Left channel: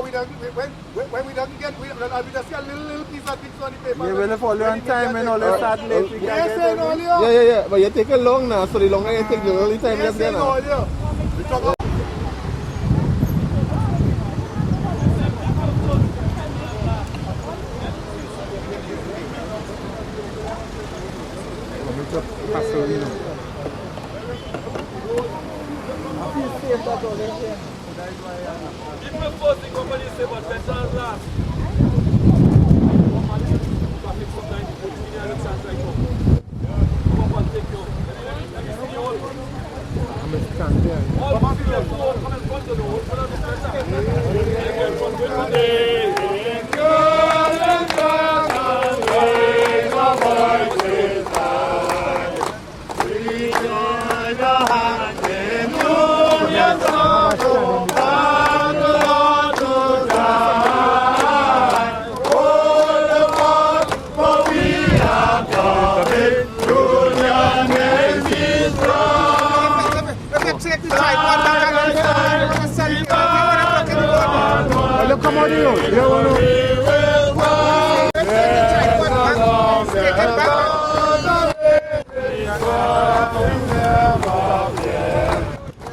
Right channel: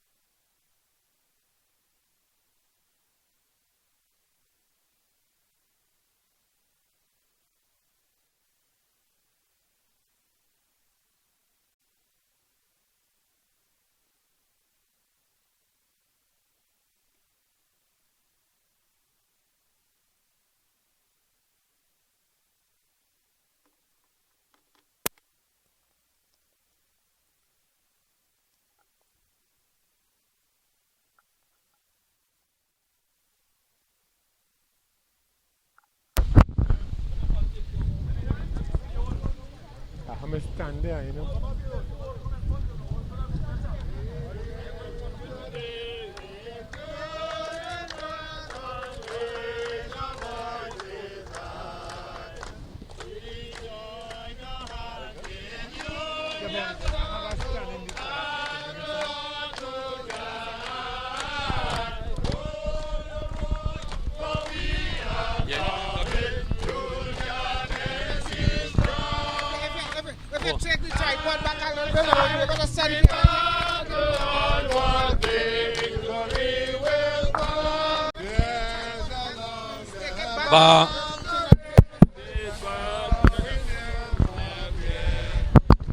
when we don't get, we just see a little piece of things on the paper. Yeah, when they follow on time and all that start late. Yeah. But you take a long now, so the longer you take, the early time you have there now.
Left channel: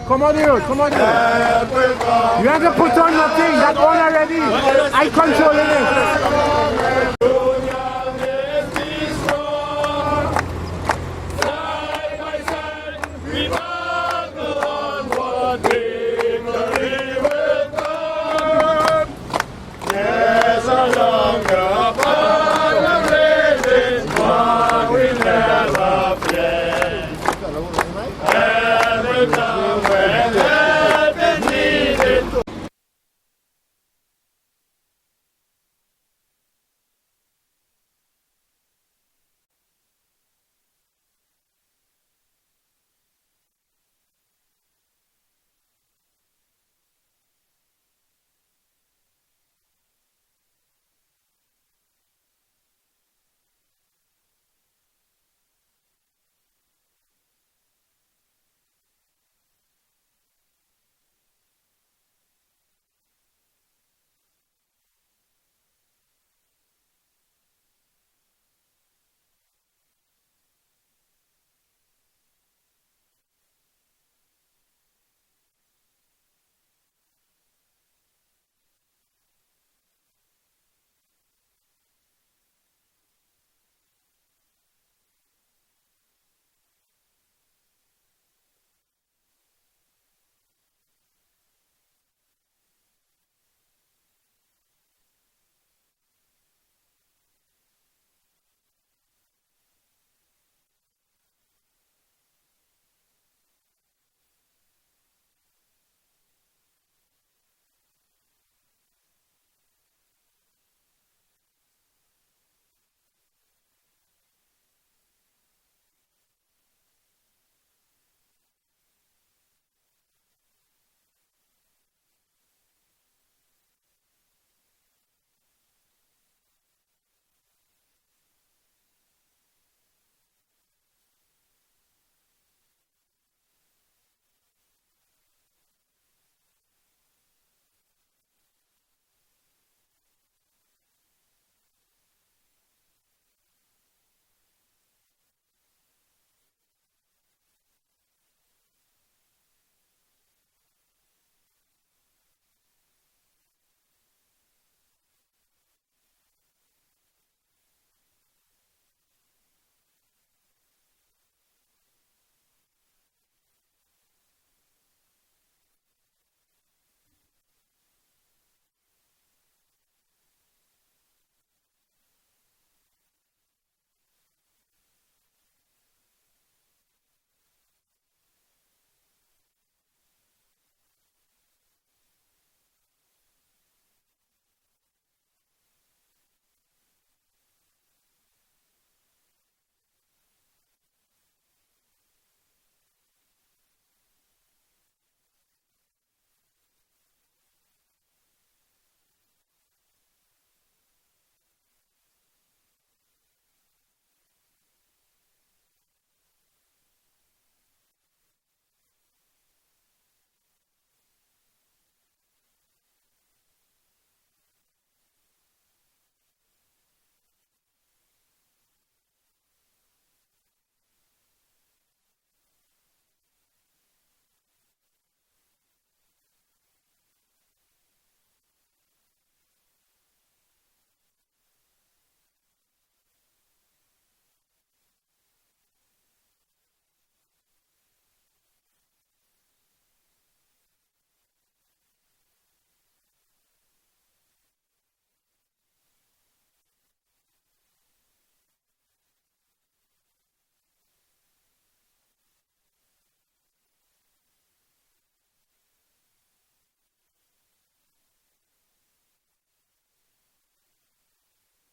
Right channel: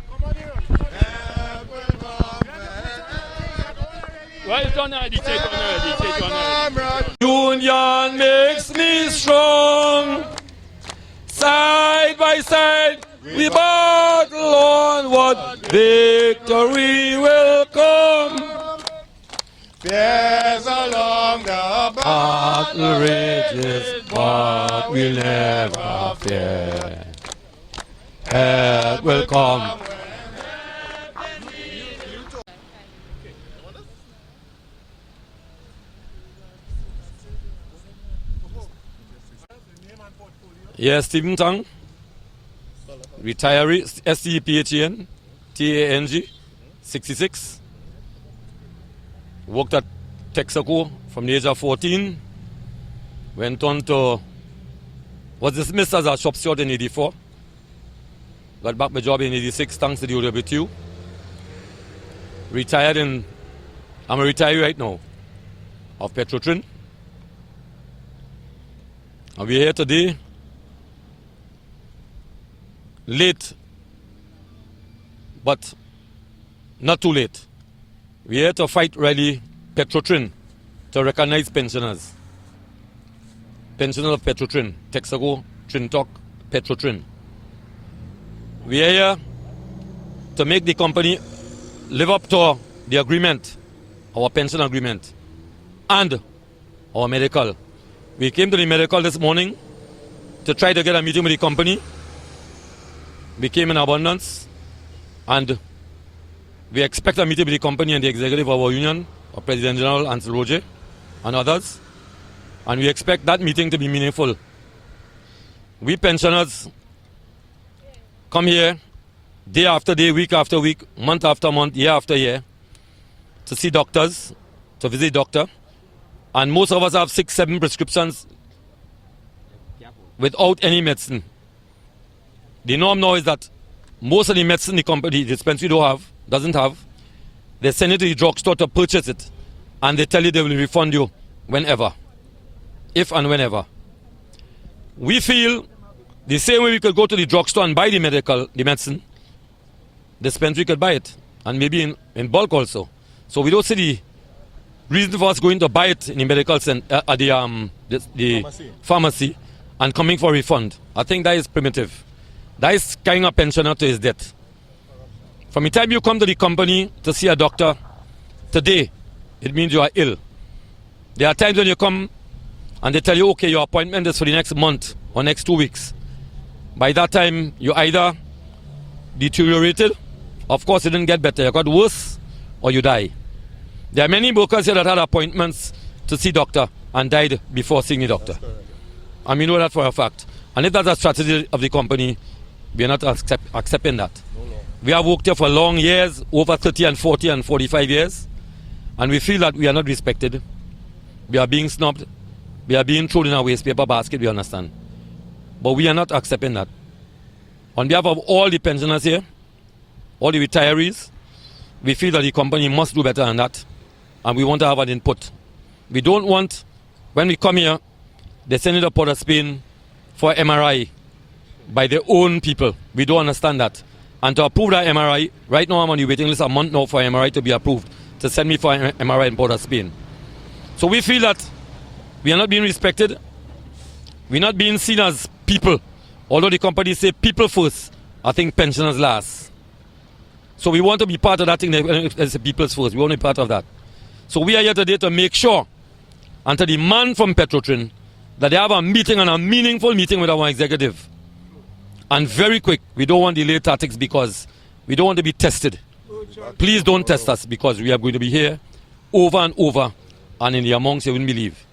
Come on here. You have to put on nothing, that's on already. I control it. Union makes me strong. Side by side, we battle onward. Victory will come. There's a longer battle raging, but we'll never fear. Help will come. Yes, Stephen Tang, retiree, STPHEN, TANG, 66. Worked at Texaco from the age of 14. Went on to, was dismissed as a shop steward in 84. Got back my job in 86 thanks to the OWTU. Retired I'm a retiree right now of Petrotrin. And we're here today. Late, but not too late. We're here to fight rally Petrotrin to recognize pensioners. Pensioners of Petrotrin, Texaco, Trinidad, Petrotrin. We are here to make the company live up to the agreement, our pension agreement, and our medical. We came to the medical this morning to try to get a meeting with the company. We came in abundance, and we expect a meeting with the company and the executive of our union, our President General, and Roget, and others. And we expect that meeting to be meaningful. We pensioners come here day after day, week after week, month after month, year after year, to see doctors, to visit doctor. And most of us have 6, 7 prescriptions without any medicine. The norm now is that most of the medicine the company, the dispensary doesn't have, they send it to the drugstore to purchase it, and they tell you they will refund you whenever, if and whenever. We feel the same way we could go to the drugstore and buy the medicine, the dispensary could buy it, and maybe in bulk also. So we don't see the reason for us going to buy it in the medical center, at the pharmacy, and coming for a refund. I think that is primitive. That is carrying a pensioner to his death. From the time you come to the company to see a doctor, today, it means you are ill. There are times when you come and they tell you, okay, your appointment is for the next month or next 2 weeks. By that time, you either deteriorated, of course it didn't get better, you got worse, or you die. There are many workers here that had appointments to see doctor and died before seeing the doctor. And we know that for a fact. And if that's a strategy of the company, we are not accepting that. We have worked here for long years, over 30 and 40 and 45 years, and we feel that we are not respected. We are being snubbed. We are being thrown in a waste paper basket, we understand. But we are not accepting that. On behalf of all the pensioners here, all the retirees, we feel that the company must do better than that. and we want to have an input. We don't want, when we come here, they send it to Port of Spain for MRI by their own people. We don't understand that. And to approve that MRI, right now I'm on the waiting list a month now for MRI to be approved, to send me for MRI in Port of Spain. So we feel that we are not being respected. We're not being seen as people. Although the company say people first, I think pensioners last. So we want to be part of that thing, as the people's first. We want to be part of that. So we are here today to make sure and to demand from Petrotrin that they have a meeting, and a meaningful meeting with our executive. And very quick. We don't want delayed tactics because we don't want to be tested. Please don't test us, because we are going to be here over and over, and in the amounts you wouldn't believe.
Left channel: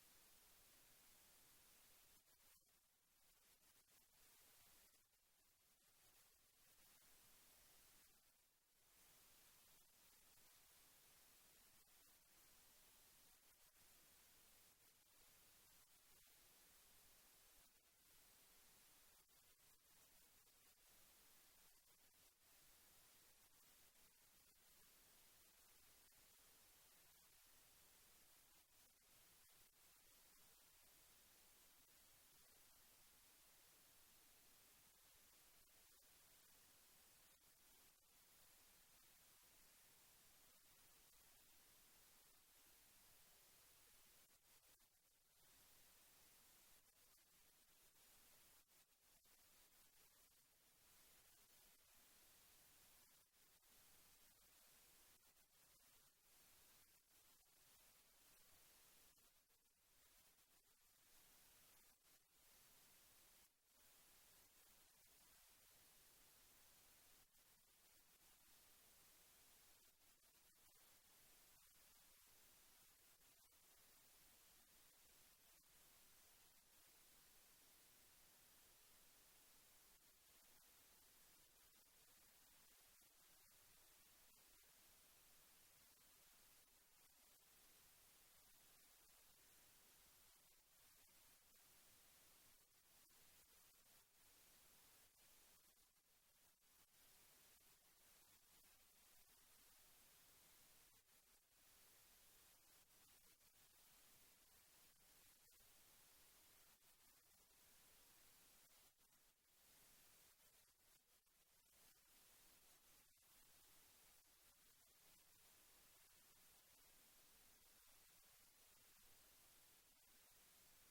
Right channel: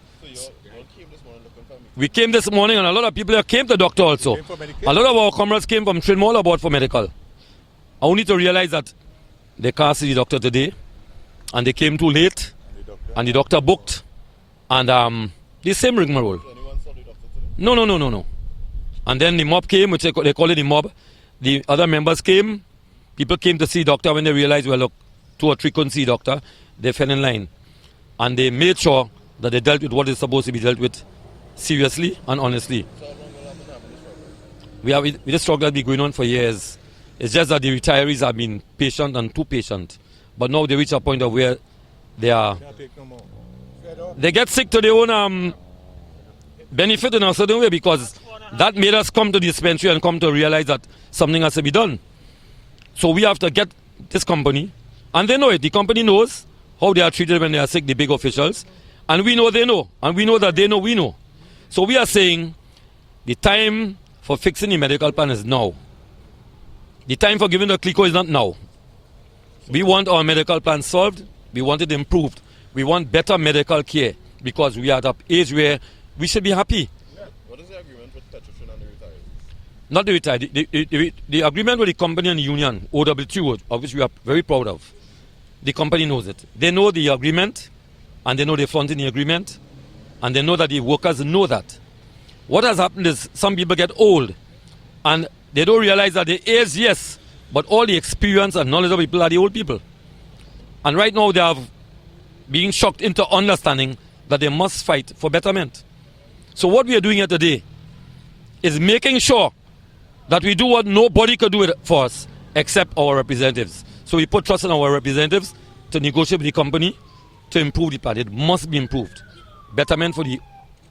We came this morning, and a lot of people here came to the doctor also. A lot of our comrades came from Trinidad Tobago for medical. I only to realize that they can't see the doctor today, and they came too late, and the doctor booked, and the same rigmarole. No. And then the mob came, which they call it the mob. The other members came. People came to see the doctor. When they realized, well, look, 2 or 3 couldn't see the doctor, they fell in line. And they made sure that they dealt with what is supposed to be dealt with seriously and honestly. This struggle has been going on for years. It's just that the retirees have been patient and too patient. But now they reach a point of where they get sick to their own benefit in a certain way, because that made us come to the dispensary and come to realize that something has to be done. So we have to get this company, and they know it. The company knows how they are treated when they are sick, the big officials. And we know they know. And we know that they know we know. So we are saying the time for fixing the medical plan is now. The time for giving the CLICO is not now. We want our medical plan solved. We want it improved. We want better medical care, because we are at an age where we should be happy. What is the agreement with Petrotrin and the retirees? Not the retired. The agreement with the company and the union, OWTO, of which we are very proud of, the company knows it. They know the agreement, and they know they're fronting the agreement, and they know that the workers know that. What has happened is some people get old, and they don't realize that the age, yes, but all the experience and knowledge of people are the old people. And right now they are being shocked into understanding that they must fight for betterment. So what we are doing here today is making sure that we do what nobody could do for us except our representatives. So we put trust in our representatives to negotiate with the company to improve the plan. It must be improved. Betterment for the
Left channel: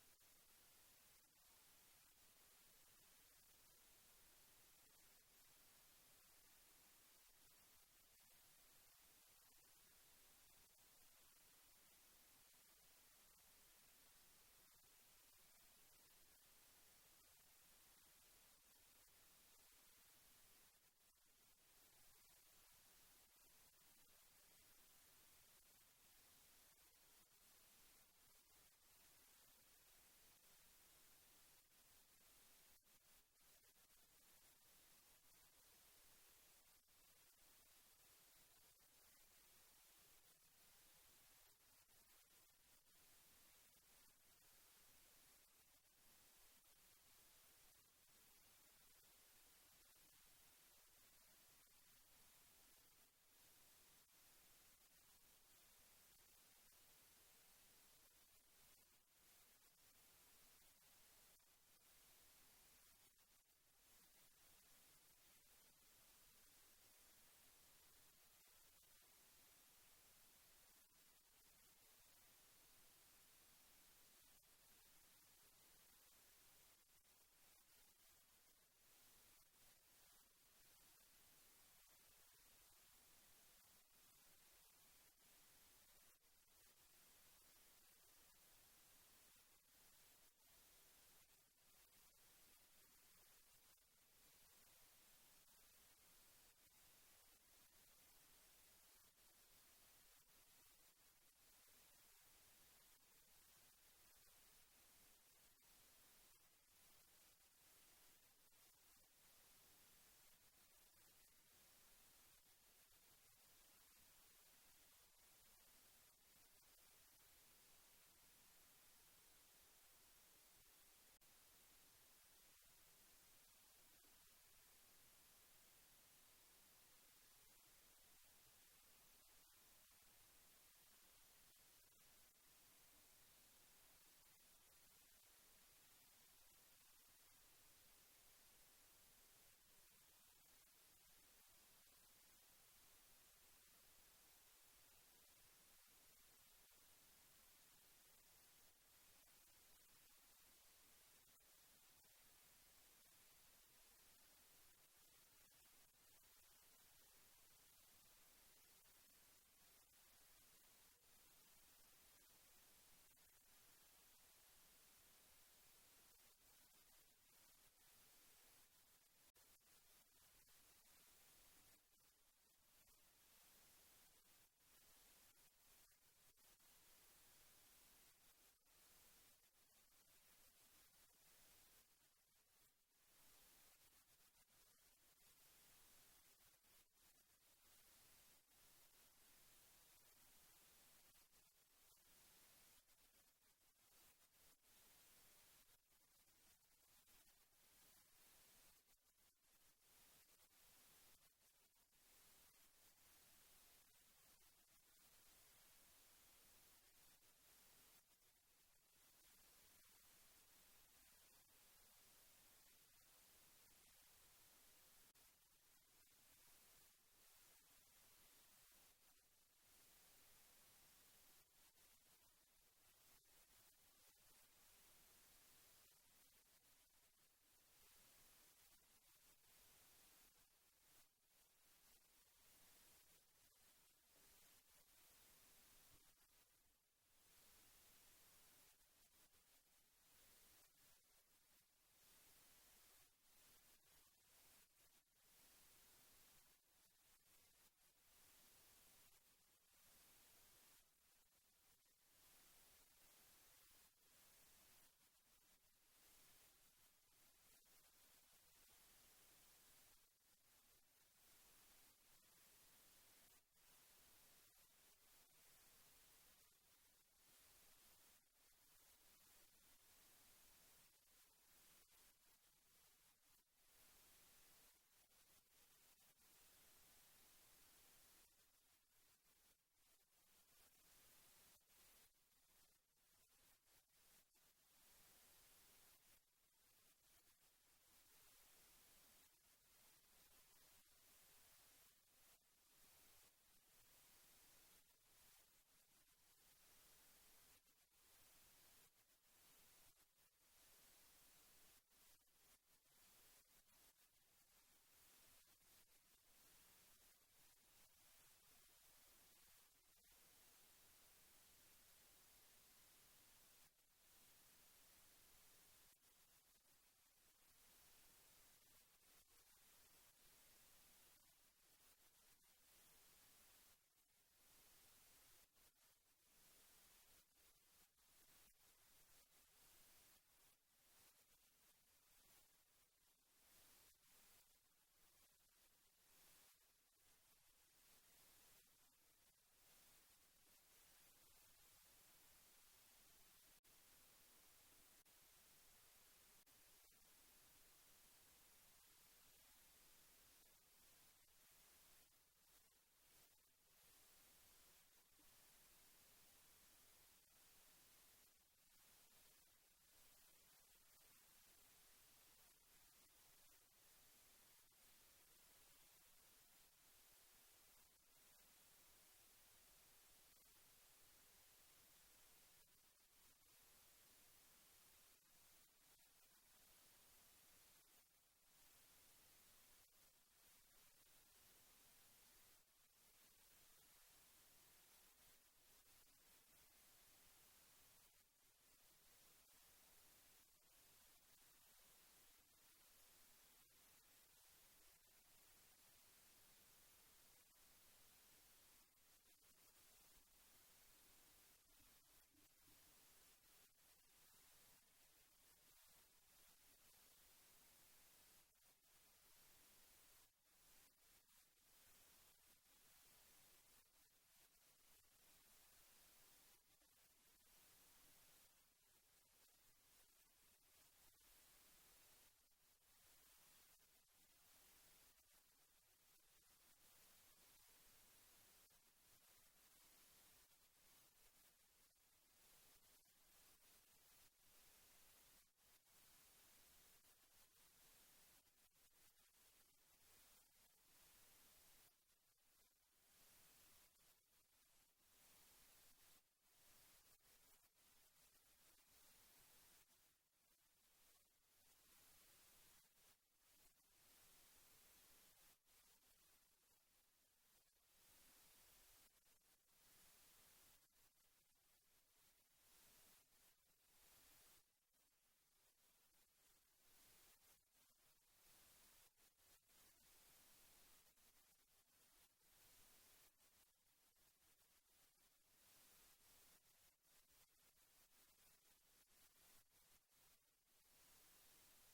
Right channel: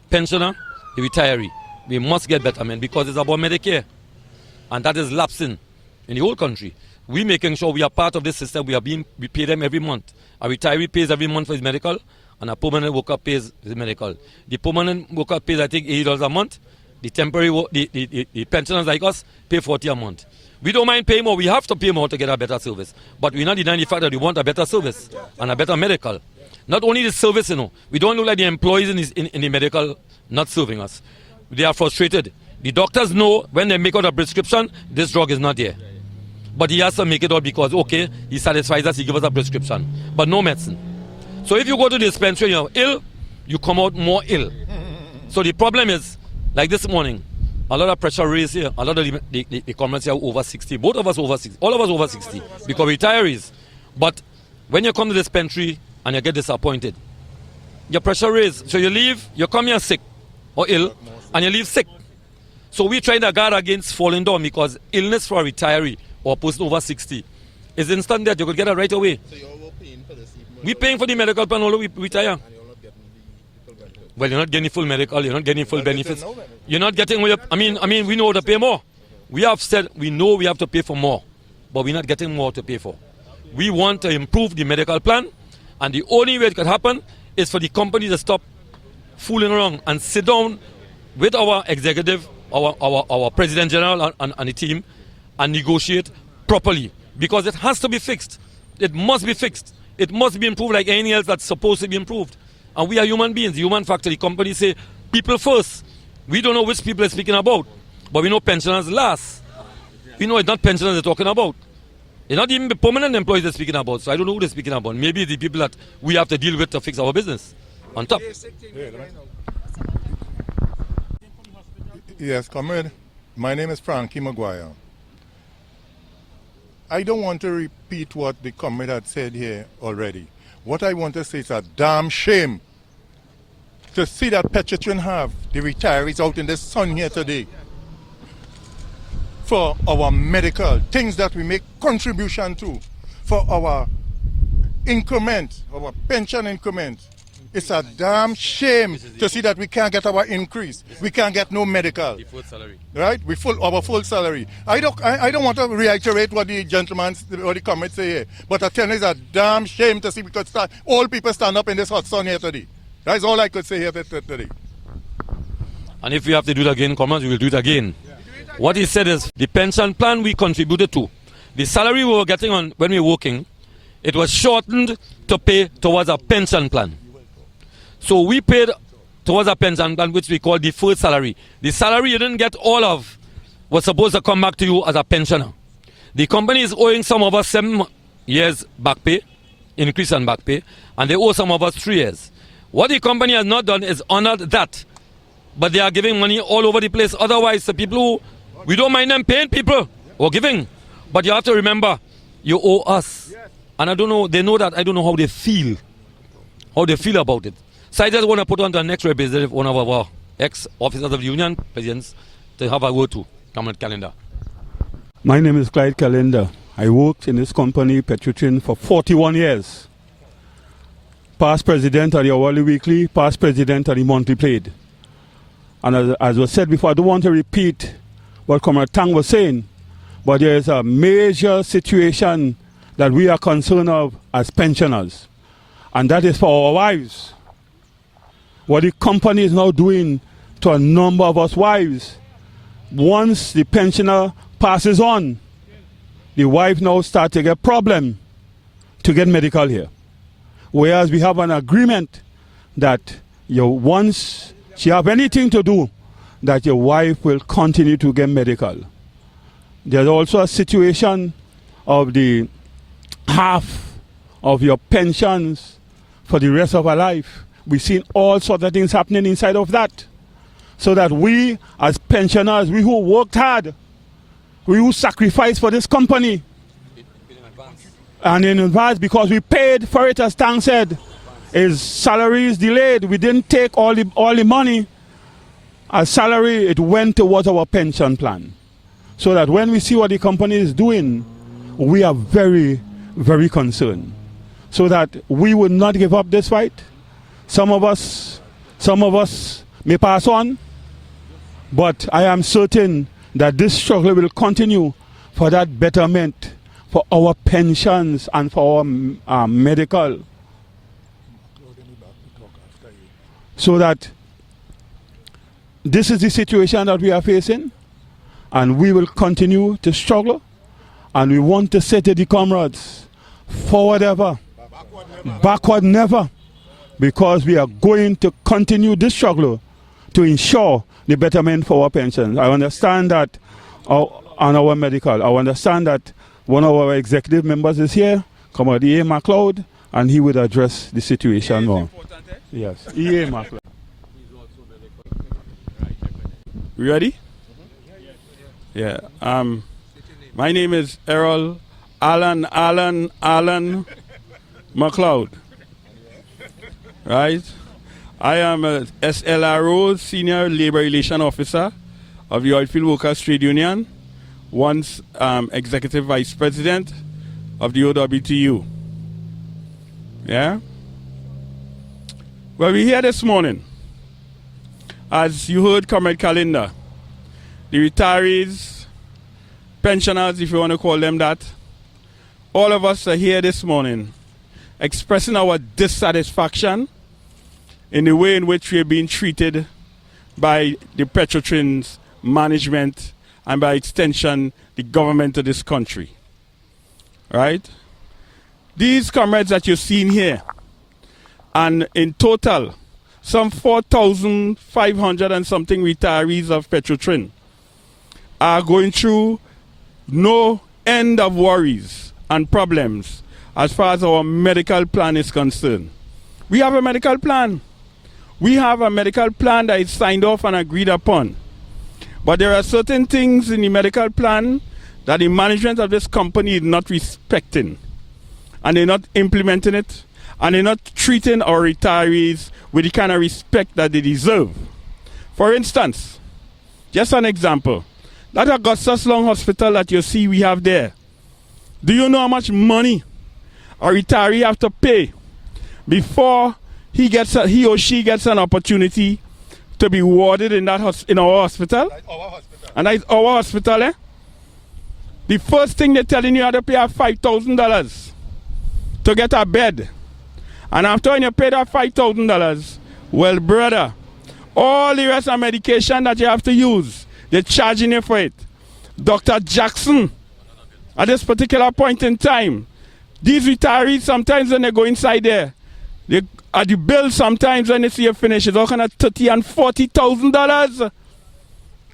pensioner, the retiree. We must get betterment, because it's about Medicare. And that is lapsing in the whole country. We making sure we are part of this system. We pay them every month. A retiree pays every month for his medical, and a permanent worker pays his medical. The permanent worker pays, I think, $80 a month. The temporary, the pensioners like us pay $40 a month. We don't mind paying more. We have to pay more to get a better service. But we're not denying the fact that we want a better service and a better medical. Not only the service, we don't look like the employees in the medical not serving us. They are frustrated. The doctors know when they make out a prescription, this drug is not there. But he has to make it out because, okay, he satisfies us, he gives us a prescription. But no medicine. So if you go to the dispensary and you're ill, you come out more ill. So the problem is, like this morning, a lot of pressure raised here. A lot of the comrades here are over 60. Both of us over 60. All of us over 60 because retirees. But when you come to the dispensary and you get disappointed, your pressure raised. So you leave, you come here sick or ill, and you leave sick. So we're trying to guard against falling down, because illness for a retiree or a person over 60 is instant death. You could get it right away. So you're all paying for this? We're paying for the medical plan although we retire. And you're not getting the full benefits? Well, you're not getting full medical, you're not getting full benefits. You're not getting, I mean, we know how to pay more. We have said we know we have to pay for more, but we're not getting more to pay for. We want to improve the medical plan, and the only way it could happen is for the company to stop fooling around and sit down with our executive, our president general and the team, and negotiate properly, because it has to be fixed. It must be fixed. It must be improved like anything else that's supposed to be improved. And we are human beings. The human factor, the company say people first. We don't know which people are speaking about, but we know pensioners last. We know it's not pensioners they're talking about. It's not even the permanent employees they're speaking about. So I don't know who they're speaking about. Maybe the people that we have to deal with to fix our business on top. Yes, Comrade. My name is Frankie Maguire. I don't want to repeat what the comrade had said here already, what I want to say is a damn shame to see that Petrotrin have the retirees out in the sun here today for our medical, things that we make contribution to, for our increment, our pension increment. It's a damn shame to see that we can't get our increase. We can't get no medical. The full salary. Right? Our full salary. I don't want to reiterate what the gentleman or the comments say here, but I tell you it's a damn shame to see because all people stand up in this hot sun here today. That's all I could say here today. And if we have to do it again, comrades, we will do it again. What he said is the pension plan we contributed to, the salary we were getting on when we were working, it was shortened to pay towards a pension plan. So we paid towards a pension plan which we call deferred salary. The salary you didn't get all of was supposed to come back to you as a pensioner. The company is owing some of us 7 years back pay, increase in back pay, and they owe some of us 3 years. What the company has not done is honored that, but they are giving money all over the place. Otherwise, the people who, we don't mind them paying people or giving, but you have to remember, you owe us. And I don't know, they know that, I don't know how they feel about it. So I just want to put on the next representative, one of our ex-officers of the union presidents, to have a word to Comrade Calendar. My name is Clyde Calendar. I worked in this company, Petrotrin, for 41 years. Past president of the Hourly Weekly, past president of the Monthly Plaid. And as was said before, I don't want to repeat what Comrade Tang was saying, but there is a major situation that we are concerned of as pensioners, and that is for our wives. What the company is now doing to a number of us wives, once the pensioner passes on, the wife now starts to get problem to get medical here. Whereas we have an agreement that once she have anything to do, that your wife will continue to get medical. There's also a situation of the half of your pensions for the rest of our life. We've seen all sorts of things happening inside of that. So that we, as pensioners, we who worked hard, we who sacrificed for this company, and in advance, because we paid for it, as Tang said, his salary is delayed. We didn't take all the money as salary, it went towards our pension plan. So that when we see what the company is doing, we are very, very concerned. So that we will not give up this fight. Some of us may pass on, but I am certain that this struggle will continue for that betterment, for our pensions and for our medical. So that this is the situation that we are facing, and we will continue to struggle, and we want to say to the comrades, forward ever, backward never, because we are going to continue this struggle to ensure the betterment for our pensions. I understand that on our medical, I understand that one of our executive members is here, Comrade E.A. MacLeod, and he would address the situation more. Yes, E.A. MacLeod. We ready? Yeah. My name is Errol Alan MacLeod. Right? I am a SLRO, Senior Labor Relation Officer of the Oilfield Workers Trade Union, once Executive Vice President of the OWTU. Yeah? Well, we're here this morning. As you heard Comrade Calendar, the retirees, pensioners, if you want to call them that, all of us are here this morning expressing our dissatisfaction in the way in which we are being treated by the Petrotrin's management and by extension the government of this country. Right? These comrades that you've seen here, and in total, some 4,500 and something retirees of Petrotrin are going through no end of worries and problems as far as our medical plan is concerned. We have a medical plan. We have a medical plan that is signed off and agreed upon. But there are certain things in the medical plan that the management of this company is not respecting. And they're not implementing it. and they're not treating our retirees with the kind of respect that they deserve. For instance, just an example, that Augustus Long Hospital that you see we have there, do you know how much money a retiree have to pay before he or she gets an opportunity to be warded in our hospital? Like our hospital. And that's our hospital, eh? The first thing they're telling you, have to pay $5,000 to get a bed. And after when you pay that $5,000, well, brother, all the rest of medication that you have to use, they're charging you for it. Dr. Jackson, at this particular point in time, these retirees, sometimes when they go inside there, they, at the bill sometimes when they see you finish, it's all kind of $30,000 and $40,000.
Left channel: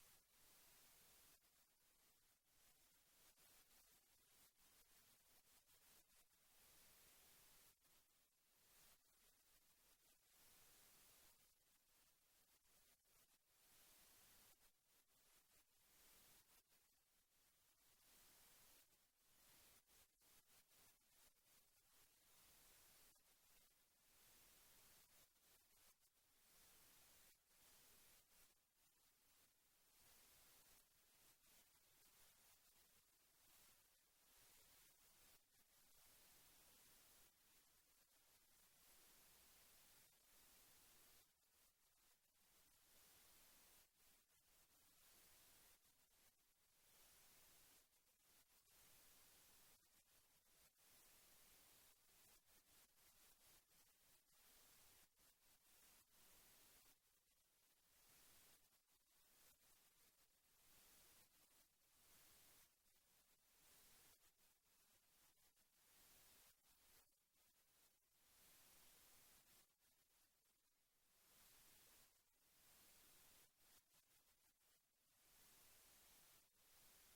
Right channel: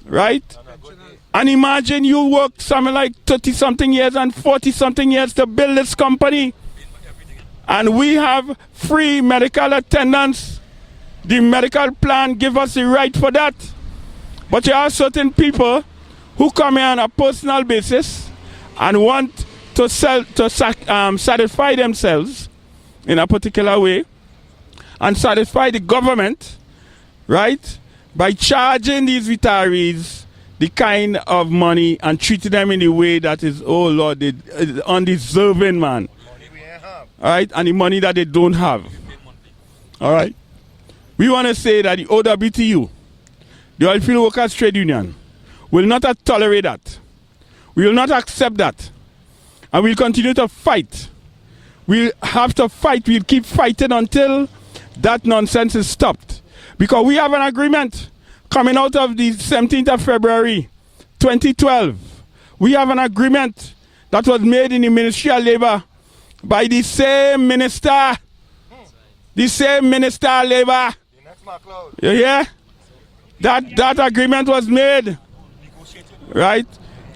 Right? And imagine you work something like 30-something years and 40-something years to build this company. And we have free medical attendance. The medical plan gives us the right for that. But you have certain people who come here on a personal basis and want to satisfy themselves in a particular way and satisfy the government, right, by charging these retirees the kind of money and treating them in a way that is, oh Lord, undeserving, man. All right, and the money that they don't have. All right. We want to say that the OWTU, the Oilfield Workers Trade Union, will not tolerate that. We will not accept that. And we'll continue to fight. We'll have to fight. We'll keep fighting until that nonsense is stopped. Because we have an agreement coming out of the 17th of February, 2012. We have an agreement that was made in the Ministry of Labor by the same minister. The same minister of Labor. You hear? That agreement was made. Right?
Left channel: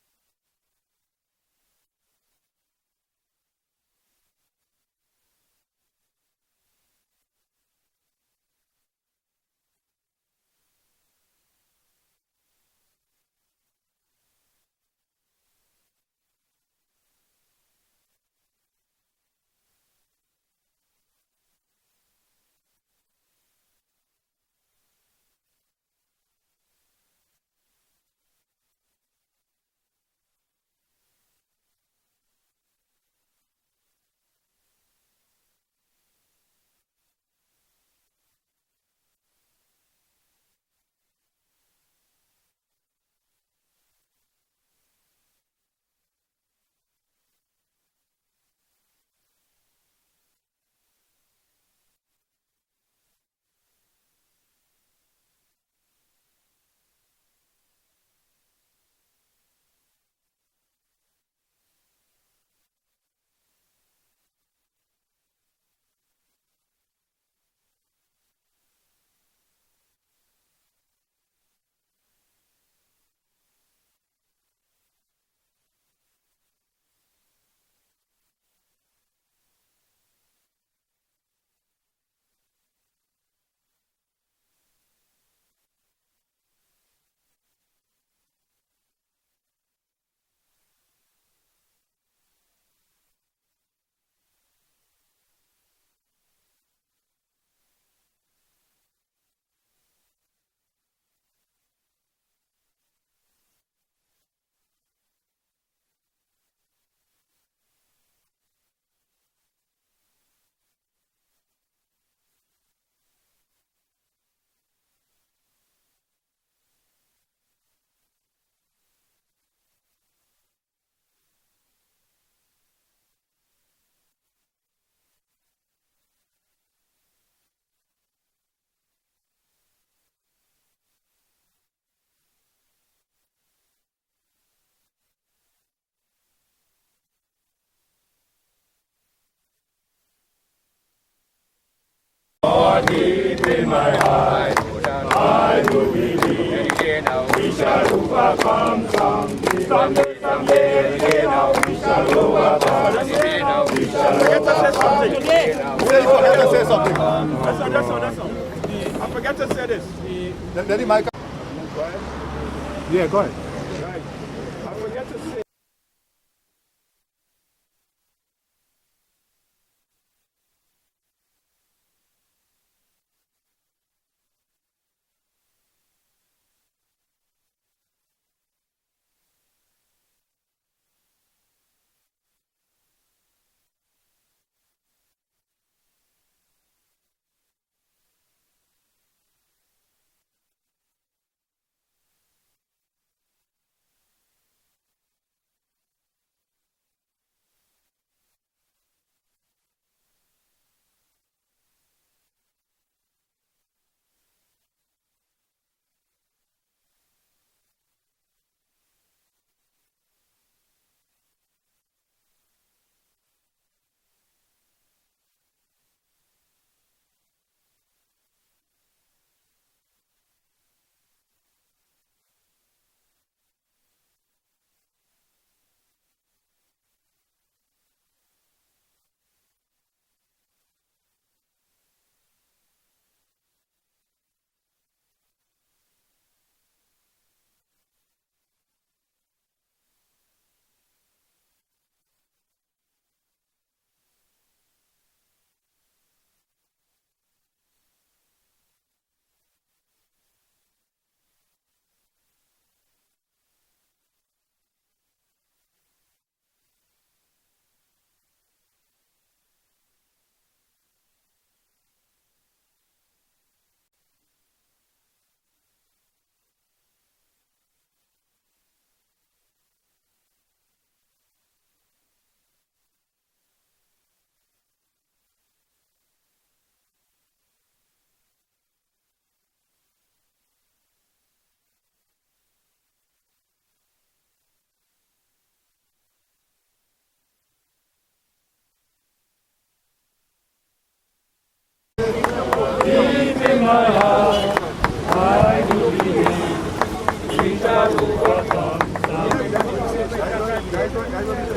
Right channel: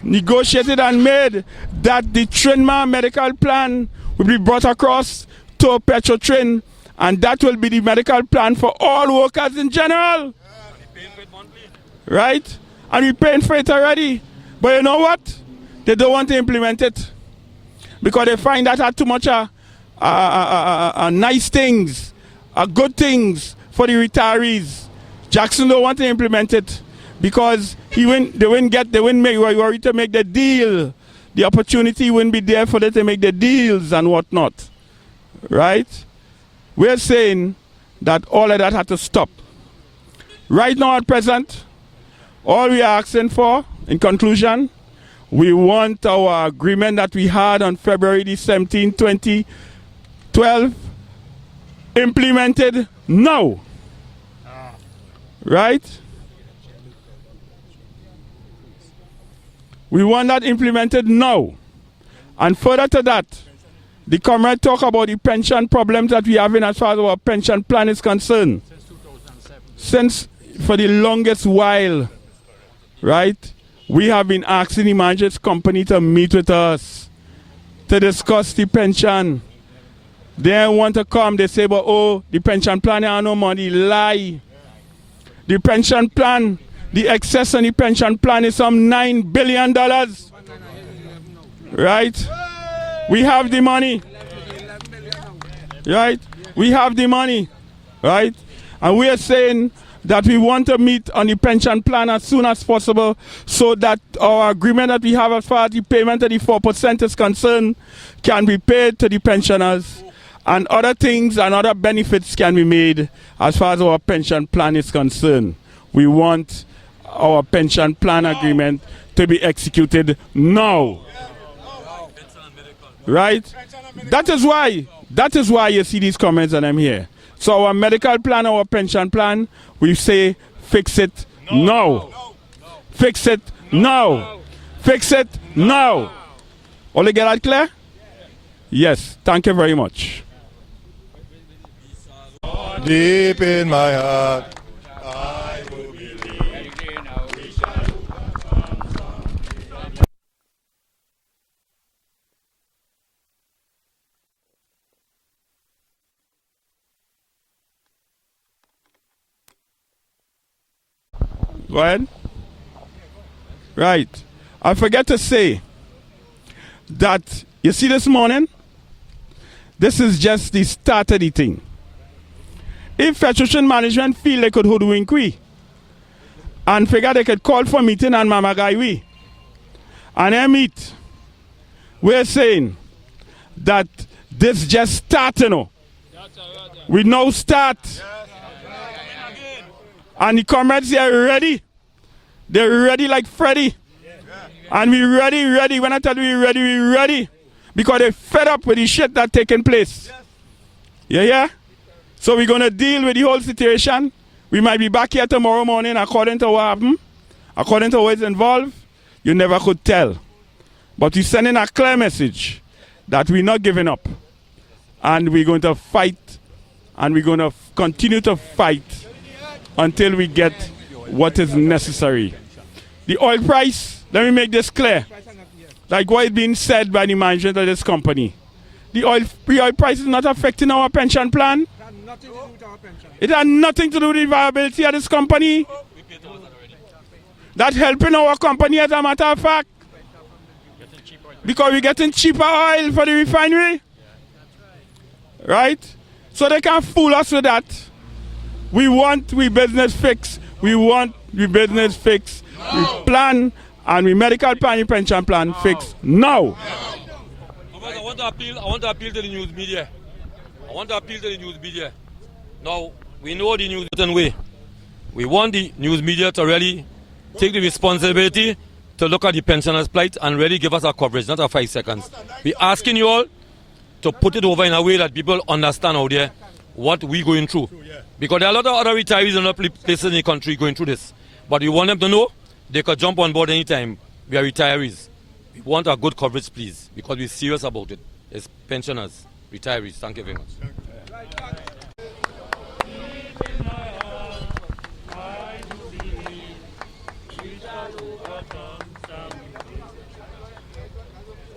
Negotiated and made that the Trinidad medical plan will be brought across to Petrotrin, and that will be the medical plan for all workers in general. Right? And we're paying for it already. But you know what? They don't want to implement it because they find that had too much nice things, good things for the retirees. Jackson don't want to implement it because they wouldn't worry to make the deal. The opportunity wouldn't be there for them to make the deals and whatnot. Right? We're saying that all of that had to stop. Right now at present, all we are asking for, in conclusion, we want our agreement that we had on February the 17th, 2012, implemented now. Right? We want that implemented now. And further to that, the comrade talk about the pension problems that we have in as far as our pension plan is concerned. Since for the longest while, right, we have been asking the management company to meet with us to discuss the pension. They want to come, they say, but oh, the pension plan, I have no money. Lie. The pension plan, the excess on the pension plan is some $9 billion. Right? We have the money. Right? We have the money. Right? And we are saying that we want to meet on the pension plan as soon as possible so that our agreement that we have as far as the payment of the 4% is concerned can be paid to the pensioners, and other things and other benefits can be made as far as our pension plan is concerned. We want our pension plan agreement to be executed now. Right? That is why you see these comments and I'm here. So our medical plan, our pension plan, we say fix it now. Fix it now. Fix it now. All you get that clear? Yes. Thank you very much. Deep in my heart, I do believe we shall overcome someday again. We shall overcome. We shall overcome. I forgot to say this. Go ahead. Yeah, go ahead. Right. I forget to say that, you see this morning, This is just the start of the thing. If Petrotrin management feel they could hoodwink we and figure they could call for meeting and mama guy we and they meet, we're saying that this just start, you know. We now start. And the comrades are ready. They're ready like Freddy. And we ready. When I tell you we ready. Because they're fed up with the shit that's taking place. Yeah? So we're going to deal with the whole situation. We might be back here tomorrow morning according to what happened. According to what's involved, you never could tell. But we're sending a clear message that we're not giving up. And we're going to fight. And we're going to continue to fight until we get what is necessary. The oil price, let me make this clear. Like what is being said by the management of this company. The oil price is not affecting our pension plan. It has nothing to do with the viability of this company. That's helping our company as a matter of fact. Because we're getting cheaper oil for the refinery. Right? So they can't fool us with that. We want we business fix. We want we business fix. We plan and we medical plan, pension plan fix now. I want to appeal to the news media. Now, we know the news certain way. We want the news media to really take the responsibility to look at the pensioners' plight and really give us our coverage, not our 5 seconds. We're asking you all to put it over in a way that people understand out there what we're going through. Because there are a lot of other retirees in other places in the country going through this. But we want them to know they could jump on board anytime. We are retirees. We want a good coverage, please, because we're serious about it. It's pensioners, retirees. Thank you very much. Guys,